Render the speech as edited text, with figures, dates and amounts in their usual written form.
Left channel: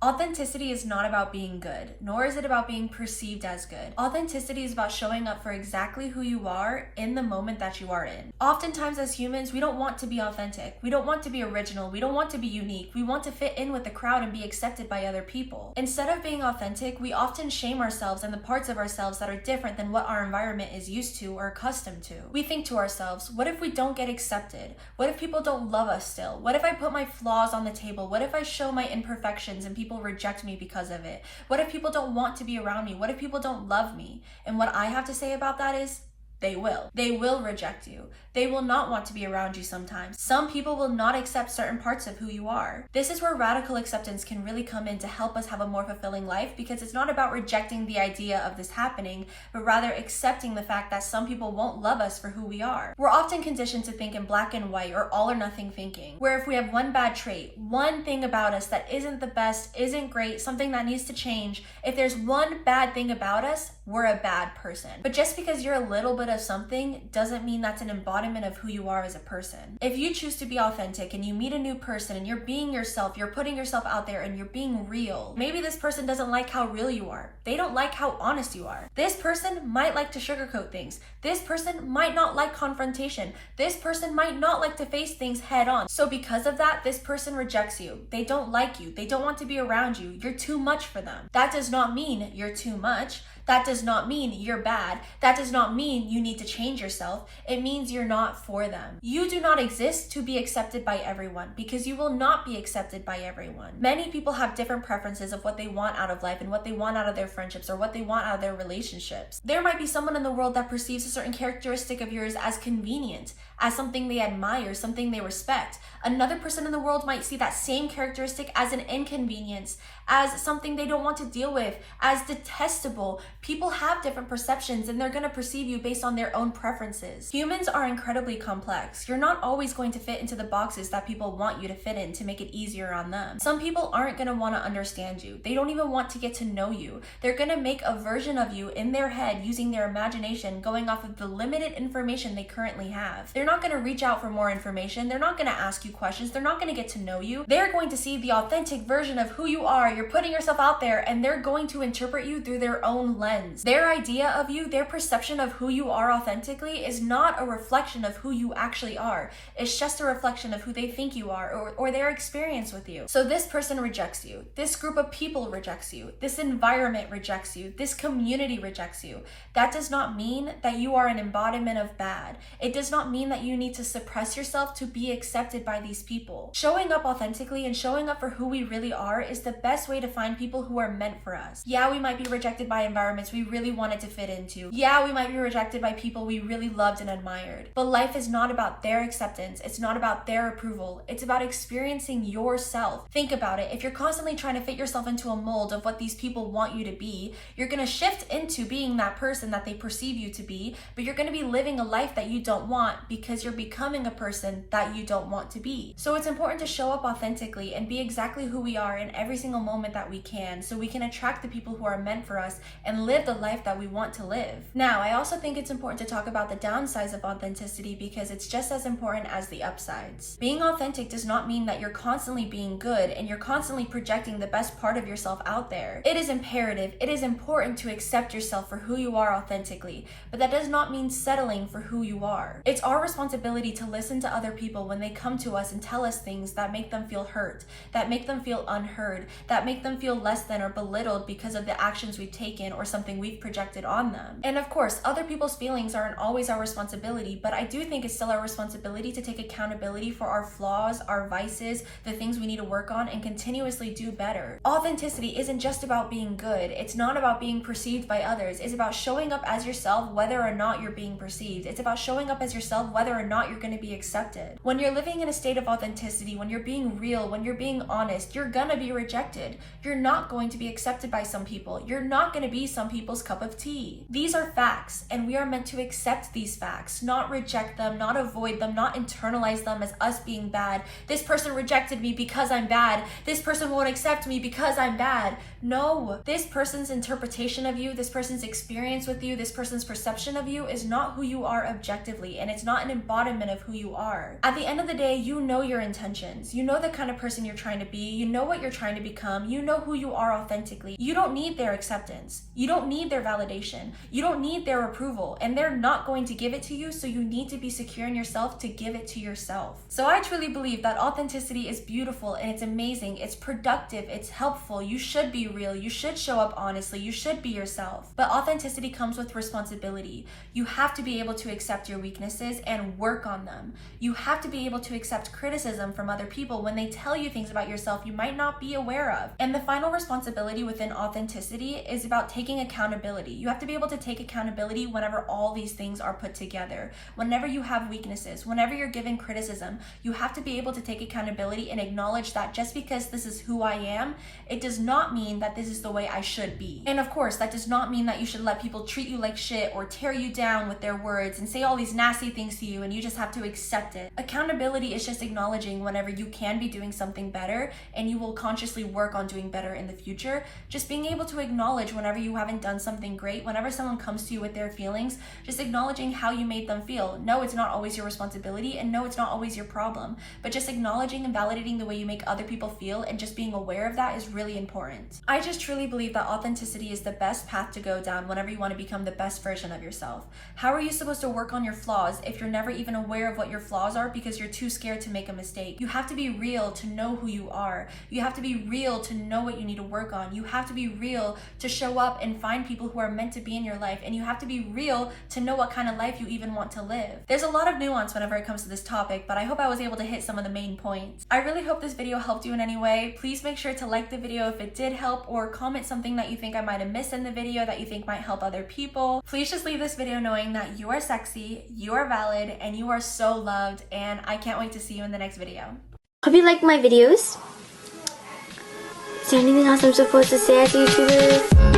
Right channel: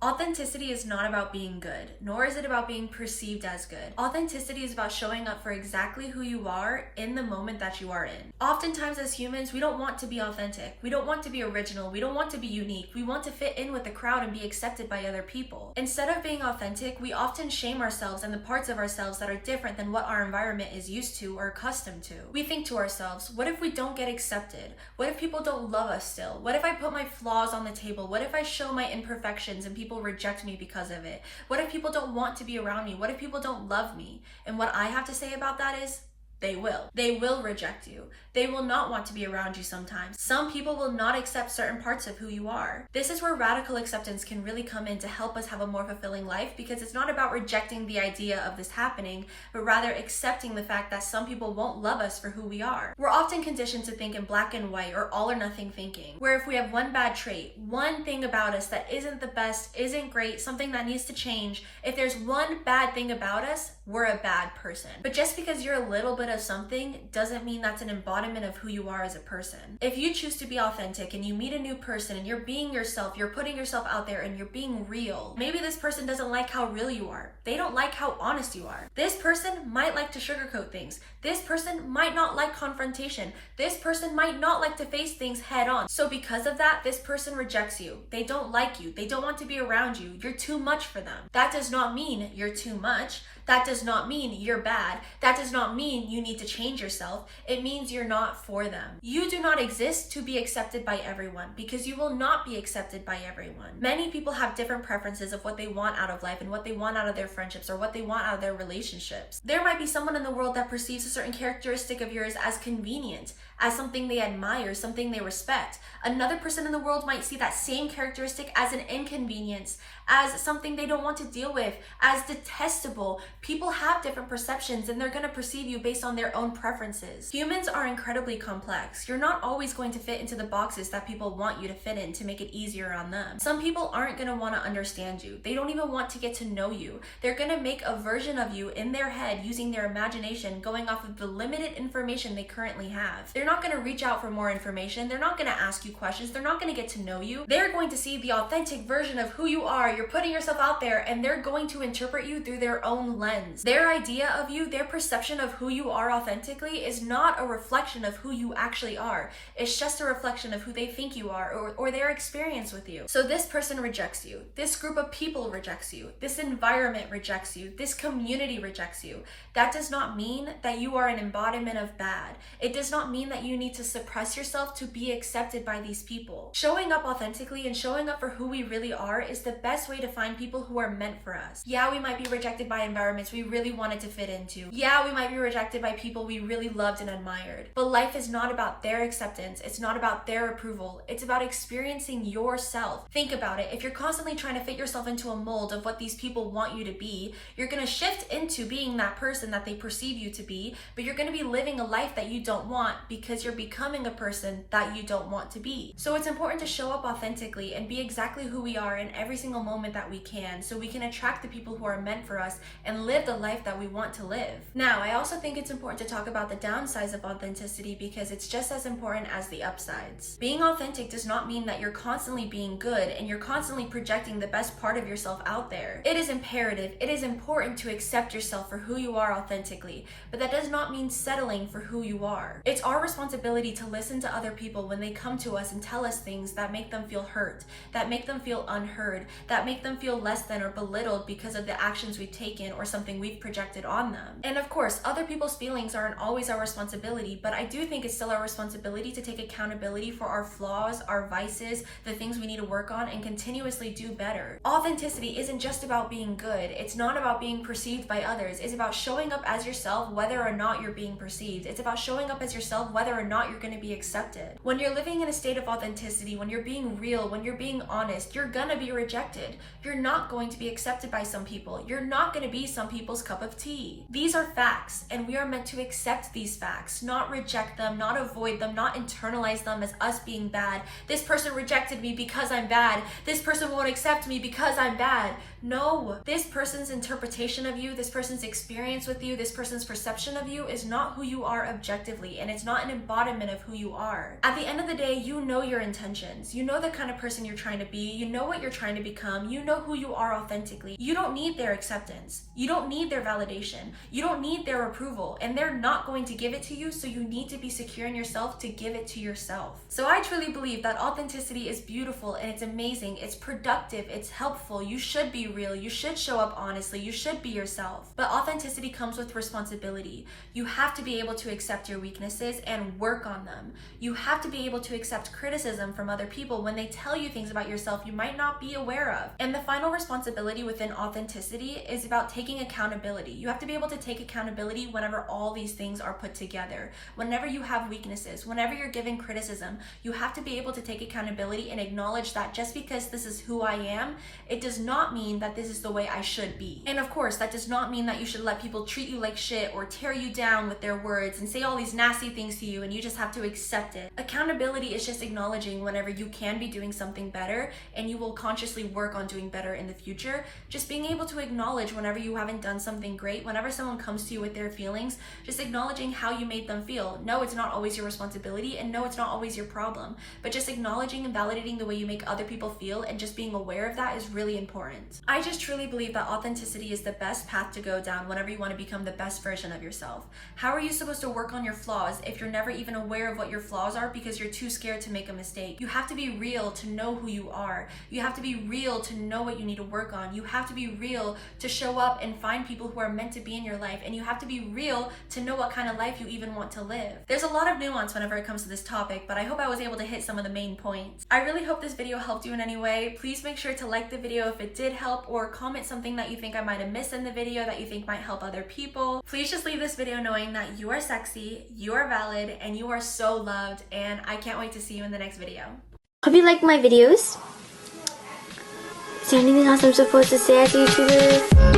Authenticity is not about being good, nor is it about being perceived as good. Authenticity is about showing up for exactly who you are in the moment that you are in. Oftentimes as humans, we don't want to be authentic. We don't want to be original. We don't want to be unique. We want to fit in with the crowd and be accepted by other people. Instead of being authentic, we often shame ourselves and the parts of ourselves that are different than what our environment is used to or accustomed to. We think to ourselves, what if we don't get accepted? What if people don't love us still? What if I put my flaws on the table? What if I show my imperfections and people reject me because of it? What if people don't want to be around me? What if people don't love me? And what I have to say about that is, they will. They will reject you. They will not want to be around you sometimes. Some people will not accept certain parts of who you are. This is where radical acceptance can really come in to help us have a more fulfilling life, because it's not about rejecting the idea of this happening, but rather accepting the fact that some people won't love us for who we are. We're often conditioned to think in black and white or all or nothing thinking, where if we have one bad trait, one thing about us that isn't the best, isn't great, something that needs to change, if there's one bad thing about us, we're a bad person. But just because you're a little bit of something doesn't mean that's an embodiment of who you are as a person. If you choose to be authentic and you meet a new person and you're being yourself, you're putting yourself out there and you're being real, maybe this person doesn't like how real you are. They don't like how honest you are. This person might like to sugarcoat things. This person might not like confrontation. This person might not like to face things head on. So because of that, this person rejects you. They don't like you. They don't want to be around you. You're too much for them. That does not mean you're too much. That does not mean you're bad. That does not mean you need to change yourself. It means you're not for them. You do not exist to be accepted by everyone, because you will not be accepted by everyone. Many people have different preferences of what they want out of life and what they want out of their friendships or what they want out of their relationships. There might be someone in the world that perceives a certain characteristic of yours as convenient, as something they admire, something they respect. Another person in the world might see that same characteristic as an inconvenience, as something they don't want to deal with, as detestable. People have different perceptions and they're going to perceive you based on their own preferences. Humans are incredibly complex. You're not always going to fit into the boxes that people want you to fit in to make it easier on them. Some people aren't going to want to understand you. They don't even want to get to know you. They're going to make a version of you in their head using their imagination, going off of the limited information they currently have. They're not going to reach out for more information. They're not going to ask you questions. They're not going to get to know you. They're going to see the authentic version of who you are. You're putting yourself out there, and they're going to interpret you through their own lens. Their idea of you, their perception of who you are authentically is not a reflection of who you actually are. It's just a reflection of who they think you are or their experience with you. So this person rejects you. This group of people rejects you. This environment rejects you. This community rejects you. That does not mean that you are an embodiment of bad. It does not mean that you need to suppress yourself to be accepted by these people. Showing up authentically and showing up for who we really are is the best way to find people who are meant for us. Yeah, we might be rejected by environments we really wanted to fit into. Yeah, we might be rejected by people we really loved and admired. But life is not about their acceptance. It's not about their approval. It's about experiencing yourself. Think about it. If you're constantly trying to fit yourself into a mold of what these people want you to be, you're going to shift into being that person that they perceive you to be, but you're going to be living a life that you don't want because you're becoming a person that you don't want to be. So it's important to show up authentically and be exactly who we are in every single moment that we can, so we can attract the people who are meant for us and live the life that we want to live. Now, I also think it's important to talk about the downsides of authenticity, because it's just as important as the upsides. Being authentic does not mean that you're constantly being good and you're constantly projecting the best part of yourself out there. It is imperative, it is important to accept yourself for who you are authentically, but that does not mean settling for who you are. It's our responsibility to listen to other people when they come to us and tell us things that make them feel hurt, that make them feel unheard, that make them feel less than or belittled because of the actions we've taken or something we've projected on them. And of course, other people's feelings aren't always our responsibility, but I do think it's still our responsibility to take accountability for our flaws, our vices, the things we need to work on, and continuously do better. Authenticity isn't just about being good. It's not about being perceived by others. It's about showing up as yourself whether or not you're being perceived. It's about showing up as yourself whether or not you're going to be accepted. When you're living in a state of authenticity, when you're being real, when you're being honest, you're gonna be rejected. You're not going to be accepted by some people. You're not going to be some people's cup of tea. These are facts, and we are meant to accept these facts, not reject them, not avoid them, not internalize them as us being bad. This person rejected me because I'm bad. This person won't accept me because I'm bad. No, this person's interpretation of you, this person's experience with you, this person's perception of you is not who you are objectively, and it's not an embodiment of who you are. At the end of the day, you know your intentions. You know the kind of person you're trying to be. You know what you're trying to become. You know who you are authentically. You don't need their acceptance. You don't need their validation. You don't need their approval, and they're not going to give it to you, so you need to be secure in yourself to give it to yourself. So I truly believe that authenticity is beautiful and it's amazing. It's productive. It's helpful. You should be real. You should show up honestly. You should be yourself. But authenticity comes with responsibility. You have to be able to accept your weaknesses and work on them. You have to be able to accept criticism from other people when they tell you things about yourself you might not be aware of. And the final responsibility within authenticity is about taking accountability. You have to be able to take accountability whenever all these things are put together. Whenever you have weaknesses, whenever you're given criticism, you have to be able to take accountability and acknowledge that just because this is who I am, it does not mean that this is the way I should be. And of course, that does not mean that you should let people treat you like shit or tear you down with their words and say all these nasty things to you and you just have to accept it. Accountability is just acknowledging whenever you can be doing something better and you will consciously work on doing better in the future. Just being able to acknowledge whenever you haven't done something great, whenever someone comes to you with their feelings, just acknowledging how you made them feel. No, it's not always your responsibility, and no, it's not always your problem, but just acknowledging and validating the way you make other people feel and just being aware of that is really important. I just truly believe that authenticity is the best path to go down whenever you want to become the best version of yourself. How are you supposed to work on your flaws if you're never even aware of what your flaws are because you're too scared to make a mistake? You have to be real to know who you are. You have to be real to know what you need to work on. You have to be real to show up and find people who are meant to be in your life, and you have to be real to know what kind of life you even want to live. There's a lot of nuance whenever it comes to this topic, but I hope I was able to hit some of the main points. I really hope this video helped you in any way. Please make sure to like the video if it did help, or comment something that you think I might have missed in the video that you think might help other people. Please just leave this video knowing that you are sexy, you are valid, and you are so loved, and I can't wait to see you in the next video. Hope you like my videos. Is there anything else I'm supposed to say as a YouTuber?